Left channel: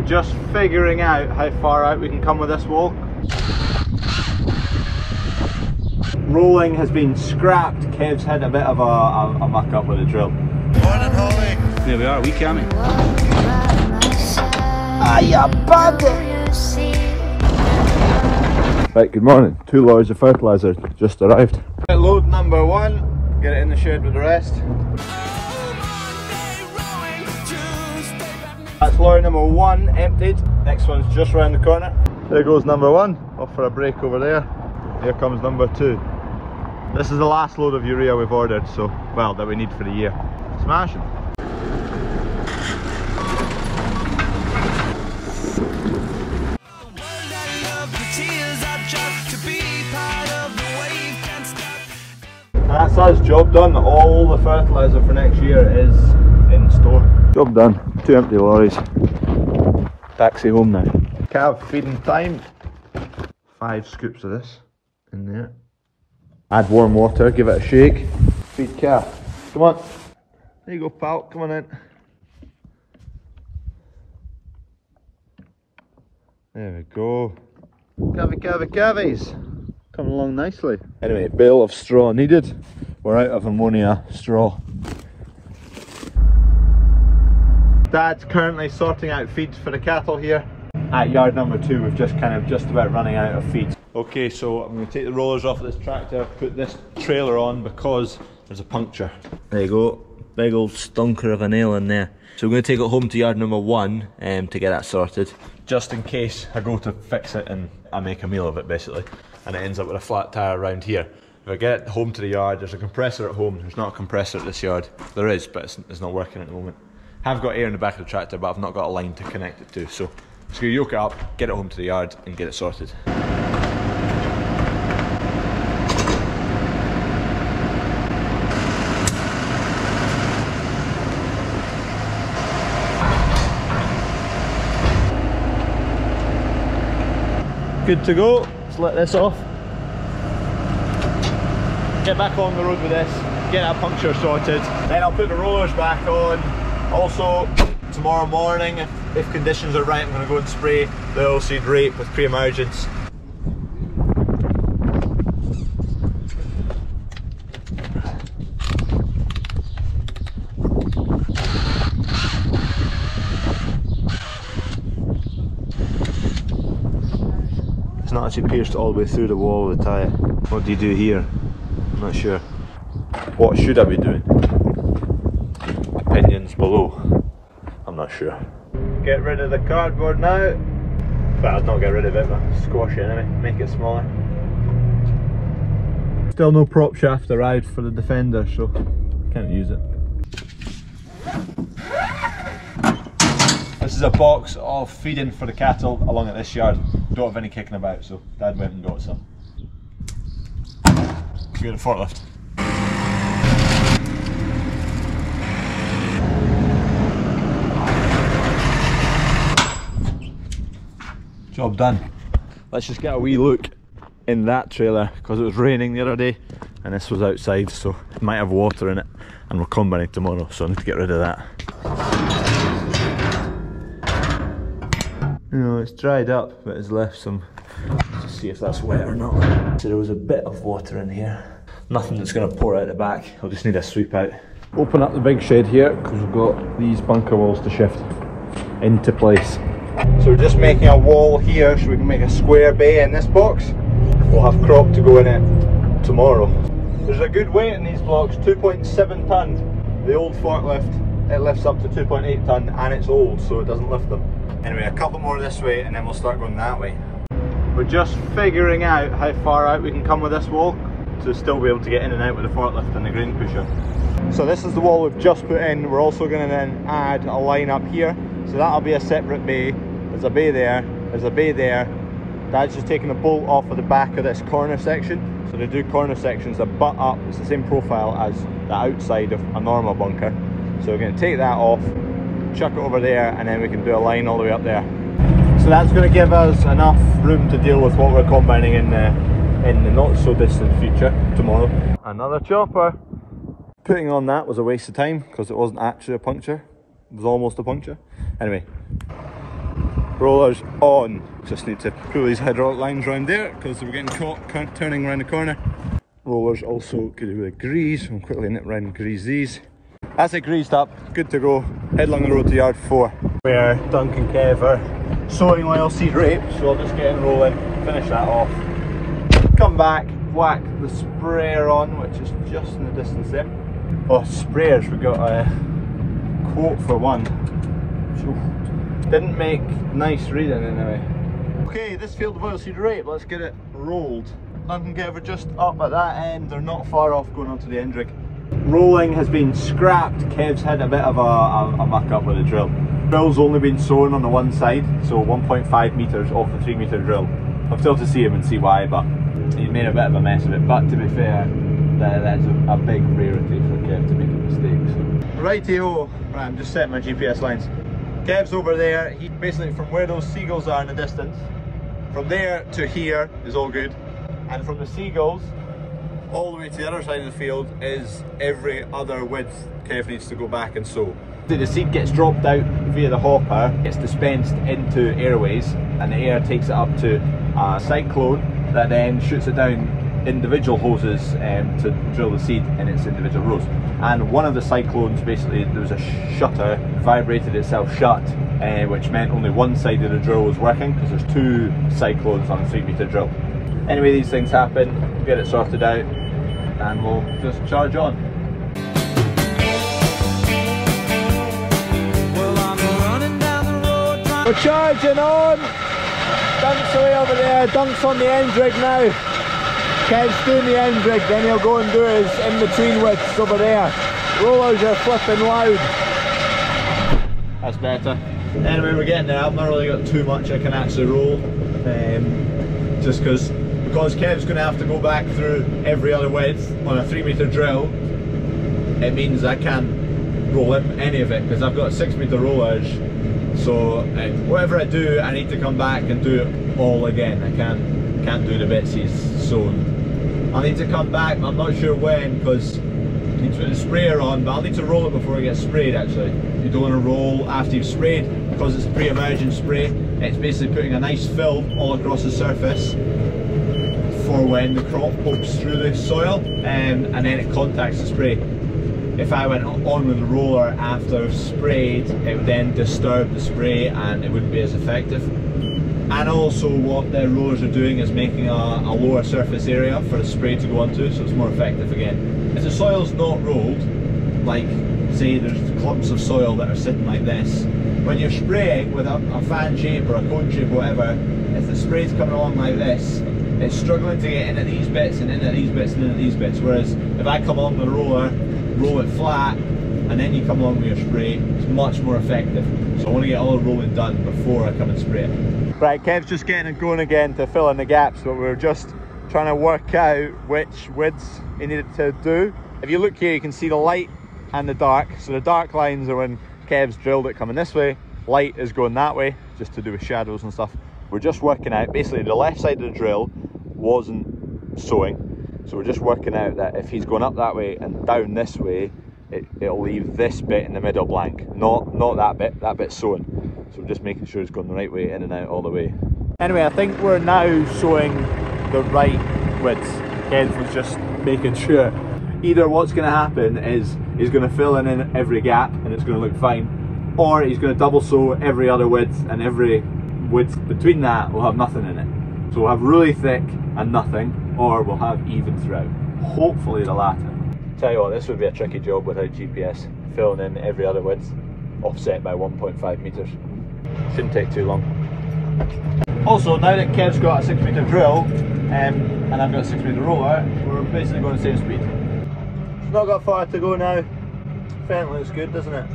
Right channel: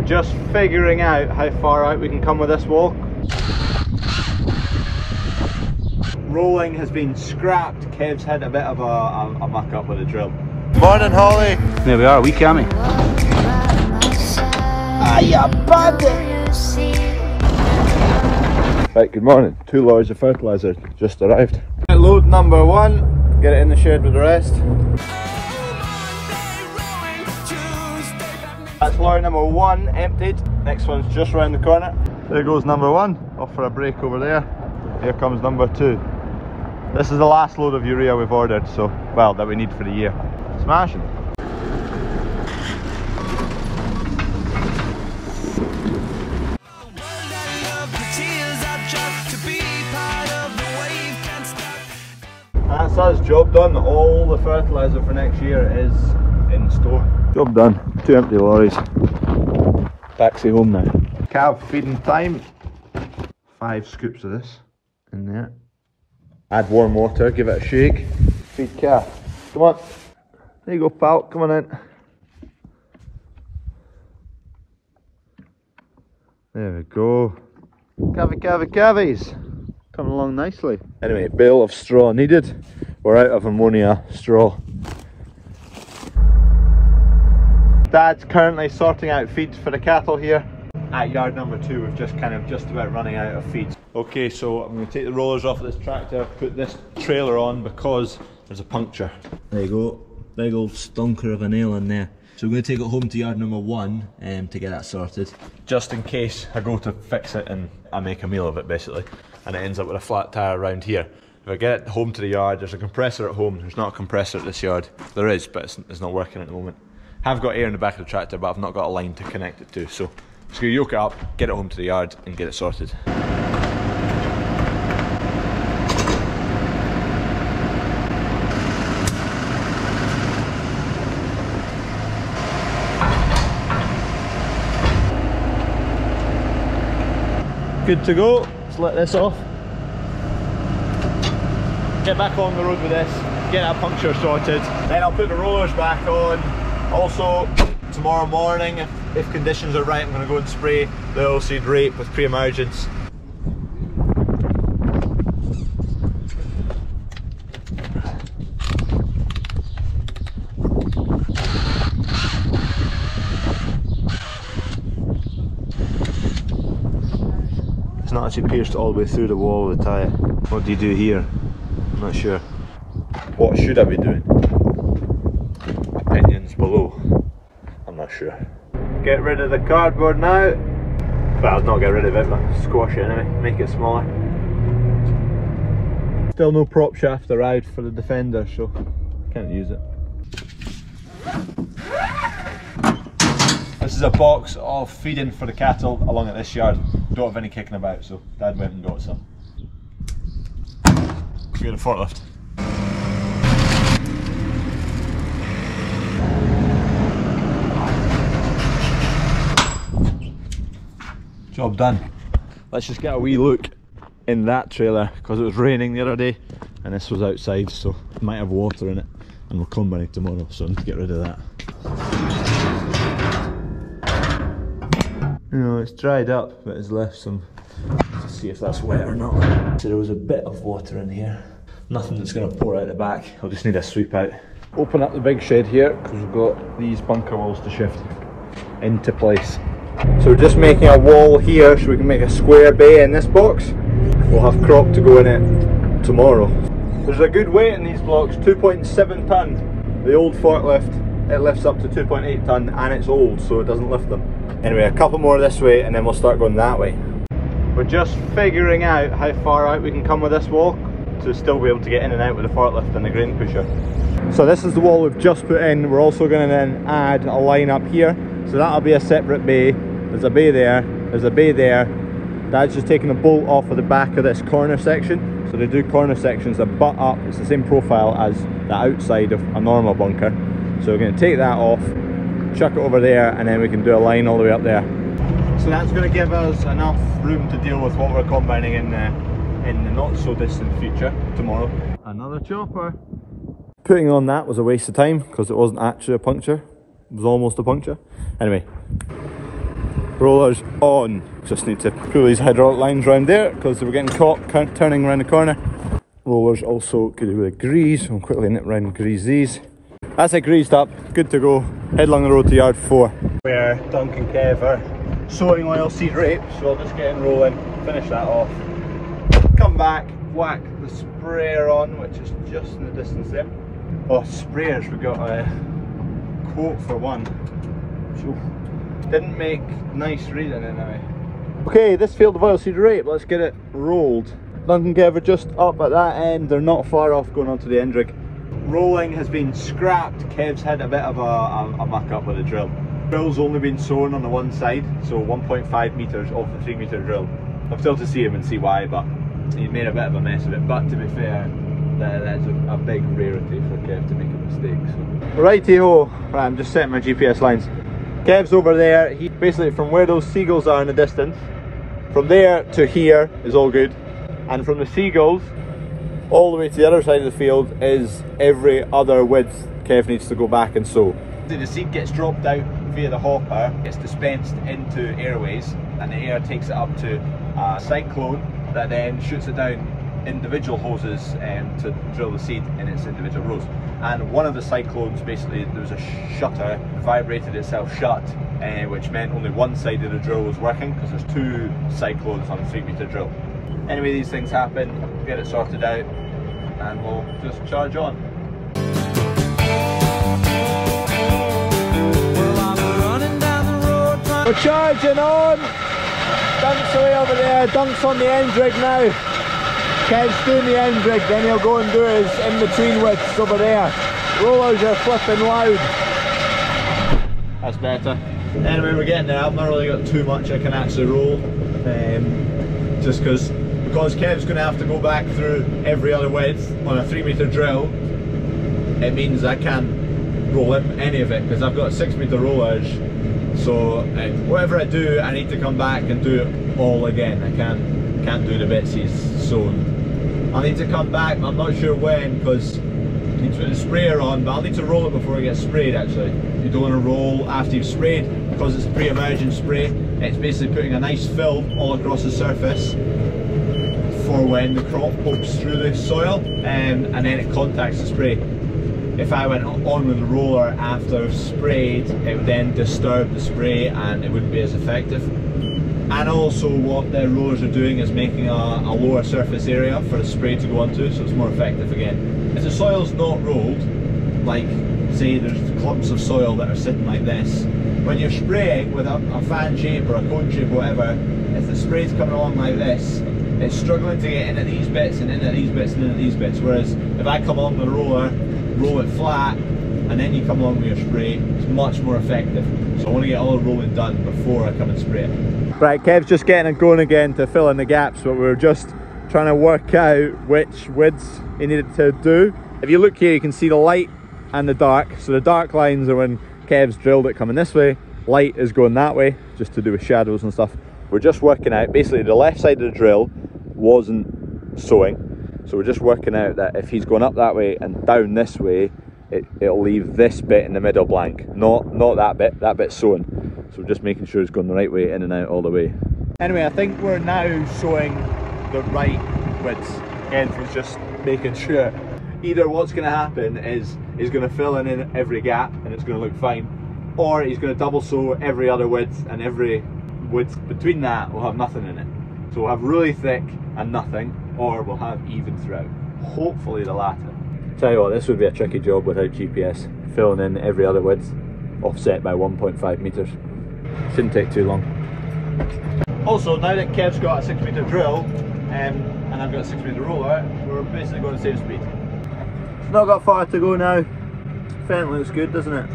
We're just figuring out how far out we can come with this walk. Rolling has been scrapped. Kev's had a bit of a muck up with the drill. Morning, Holly. There we are, wee cammy. Right, good morning. 2 lorries of fertiliser just arrived. Load number 1, get it in the shed with the rest. That's lorry number 1 emptied. Next one's just round the corner. There goes number 1, off for a break over there. Here comes number 2. This is the last load of urea we've ordered, so, well, that we need for the year. Smashing. That's us, job done. All the fertiliser for next year is in store. Job done. 2 empty lorries. Taxi home now. Calf feeding time. 5 scoops of this in there. Add warm water, give it a shake. Feed calf. Come on. There you go, pal. Come on in. There we go. Cavies. Coming along nicely. Anyway, bale of straw needed. We're out of ammonia straw. Dad's currently sorting out feed for the cattle here. At yard number 2, we've just about running out of feed. Okay, so I'm going to take the rollers off of this tractor, put this trailer on because there's a puncture. There you go, big old stunker of a nail in there. So we're going to take it home to yard number 1 to get that sorted. Just in case I go to fix it and I make a meal of it basically, and it ends up with a flat tyre around here. If I get it home to the yard, there's a compressor at home. There's not a compressor at this yard. There is, but it's not working at the moment. I've got air in the back of the tractor, but I've not got a line to connect it to, so I'm just going to yoke it up, get it home to the yard and get it sorted. Good to go. Let's let this off. Get back on the road with this, get that puncture sorted. Then I'll put the rollers back on. Also, tomorrow morning, if conditions are right, I'm going to go and spray the oilseed rape with pre-emergence. It's not actually pierced all the way through the wall of the tyre. What do you do here? I'm not sure. What should I be doing? Opinions below. I'm not sure. Get rid of the cardboard now. Well, not get rid of it, but squash it anyway, make it smaller. Still no prop shaft arrived for the Defender, so can't use it. This is a box of feeding for the cattle along at this yard. Don't have any kicking about, so Dad went and got some. Let's get a forklift. Job done. Let's just get a wee look in that trailer because it was raining the other day and this was outside, so it might have water in it, and we're combining tomorrow, so I need to get rid of that. You know, it's dried up, but it's left some. Let's see if that's wet or not. So there was a bit of water in here. Nothing that's going to pour out the back. I'll just need a sweep out. Open up the big shed here because we've got these bunker walls to shift into place. So we're just making a wall here so we can make a square bay in this box. We'll have crop to go in it tomorrow. There's a good weight in these blocks, 2.7 tonne. The old forklift, it lifts up to 2.8 tonne and it's old, so it doesn't lift them. Anyway, a couple more this way and then we'll start going that way. We're just figuring out how far out we can come with this walk to still be able to get in and out with the forklift and the grain pusher. So this is the wall we've just put in. We're also going to then add a line up here. So that'll be a separate bay. There's a bay there, there's a bay there. Dad's just taking a bolt off of the back of this corner section. So they do corner sections that butt up. It's the same profile as the outside of a normal bunker. So we're going to take that off, chuck it over there, and then we can do a line all the way up there. So that's going to give us enough room to deal with what we're combining in the not so distant future tomorrow. Another chopper. Putting on that was a waste of time because it wasn't actually a puncture. It was almost a puncture. Anyway, Rollers on. Just need to pull these hydraulic lines around there because they were getting caught turning around the corner. Rollers also good with grease. I'll quickly nip around and grease these. That's it greased up, good to go. Head along the road to yard 4, where Dunk and Kev are sowing oilseed rape. So I'll just get in rolling, finish that off. Come back, whack the sprayer on, which is just in the distance there. Oh, sprayers, we got a quote for one. Didn't make nice reading anyway. Okay, this field of oilseed rape, let's get it rolled. Dunk and Kev are just up at that end, they're not far off going onto the end rig. Rolling has been scrapped. Kev's had a bit of a muck up with the drill. Drill's only been sown on the one side, so 1.5 metres off the 3 metre drill. I've still to see him and see why, but he made a bit of a mess of it. But to be fair, that's a big rarity for Kev to make a mistake. So. Righty-ho, right, I'm just setting my GPS lines. Kev's over there. He basically, from where those seagulls are in the distance, from there to here is all good, and from the seagulls all the way to the other side of the field is every other width Kev needs to go back and sow. The seed gets dropped out via the hopper, gets dispensed into airways, and the air takes it up to a cyclone that then shoots it down individual hoses to drill the seed in its individual rows. And one of the cyclones, basically there was a shutter, vibrated itself shut, which meant only one side of the drill was working because there's 2 cyclones on a 3 metre drill. Anyway, these things happen, we'll get it sorted out and we'll just charge on. Well, I'm running down the road. We're charging on! Dunk's away over there, Dunk's on the end rig now. Kev's doing the end rig, then he'll go and do his in-between widths over there. Rollers are flipping loud. That's better. Anyway, we're getting there. I've not really got too much I can actually roll. Just because Kev's going to have to go back through every other width on a 3 metre drill, it means I can't roll any of it because I've got 6 metre rollers. So whatever I do, I need to come back and do it all again. I can't do the bits he's sown. I need to come back, I'm not sure when, because I need to put the sprayer on, but I'll need to roll it before it gets sprayed actually. You don't want to roll after you've sprayed, because it's pre-emergent spray. It's basically putting a nice film all across the surface for when the crop pokes through the soil and then it contacts the spray. If I went on with the roller after I've sprayed, it would then disturb the spray and it wouldn't be as effective. And also what the rollers are doing is making a lower surface area for the spray to go onto, so it's more effective again. If the soil's not rolled, like say there's clumps of soil that are sitting like this, when you're spraying with a fan shape or a cone shape or whatever, if the spray's coming along like this, it's struggling to get into these bits and into these bits and into these bits, whereas if I come along with a roller, roll it flat, and then you come along with your spray, it's much more effective. So I want to get all the rolling done before I come and spray it. Right, Kev's just getting it going again to fill in the gaps, but we're just trying to work out which widths he needed to do. If you look here, you can see the light and the dark. So the dark lines are when Kev's drilled it coming this way, light is going that way, just to do with shadows and stuff. We're just working out, basically the left side of the drill wasn't sowing, so we're just working out that if he's going up that way and down this way, it'll leave this bit in the middle blank, not that bit's sowing. So we're just making sure it's going the right way in and out all the way. Anyway, I think we're now sowing the right width. Ken was just making sure. Either what's going to happen is he's going to fill in every gap and it's going to look fine, or he's going to double sow every other width, and every width between that will have nothing in it. So we'll have really thick and nothing, or we'll have even throughout. Hopefully the latter. Tell you what, this would be a tricky job without GPS. Filling in every other width, offset by 1.5 metres. Shouldn't take too long. Also, now that Kev's got a 6 metre drill and I've got a 6 metre roller, we're basically going the same speed. It's not got far to go now. Fence looks good, doesn't it?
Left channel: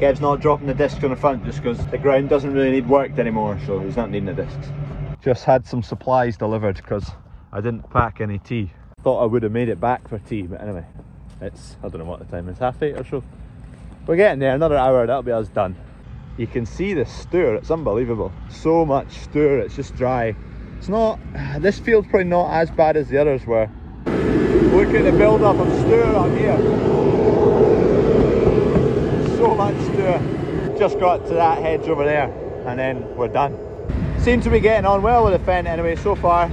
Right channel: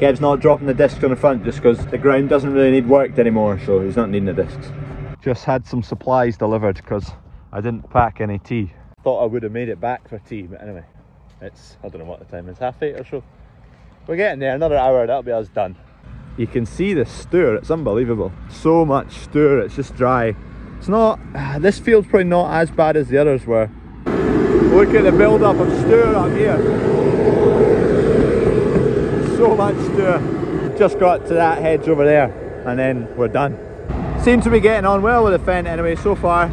Kev's not dropping the discs on the front just because the ground doesn't really need worked anymore, so he's not needing the discs. Just had some supplies delivered because I didn't pack any tea. Thought I would have made it back for tea, but anyway, it's, I don't know what the time is, 8:30 or so. We're getting there, another hour, that'll be us done. You can see the stir, it's unbelievable. So much stir, it's just dry. It's not, this field's probably not as bad as the others were. Look at the build up of stir up here. So much stir. Just got to that hedge over there. and then we're done. Seem to be getting on well with the Fendt anyway so far.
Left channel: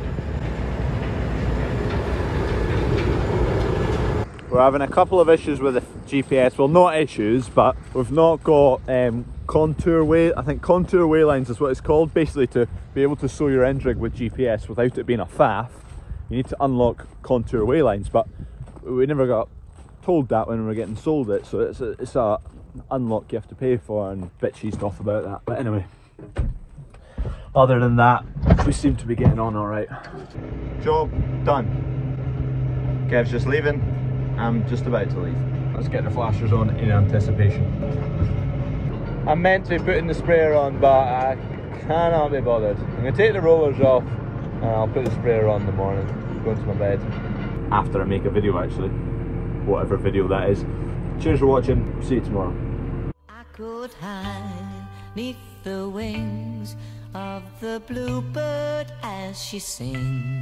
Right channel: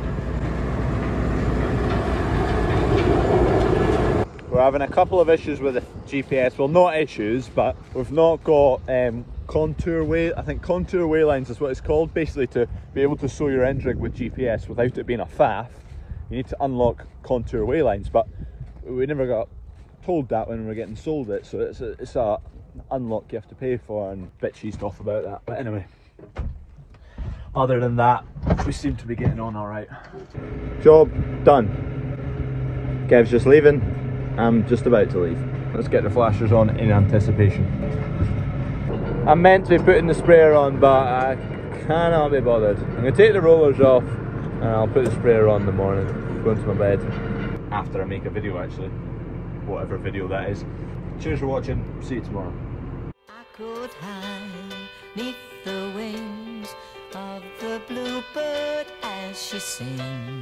We're having a couple of issues with the GPS. Well, not issues, but we've not got contour way. I think contour way lines is what it's called. Basically, to be able to sow your end rig with GPS without it being a faff, you need to unlock contour way lines. But we never got told that when we were getting sold it, so it's a unlock you have to pay for, and bitchy stuff about that. But anyway, other than that, we seem to be getting on all right. Job done. Kev's just leaving. I'm just about to leave. Let's get the flashers on in anticipation. I'm meant to be putting the sprayer on, but I cannot be bothered. I'm going to take the rollers off and I'll put the sprayer on in the morning, going to my bed. After I make a video, actually. Whatever video that is. Cheers for watching. See you tomorrow. I could hide 'neath the wings of the bluebird as she sings.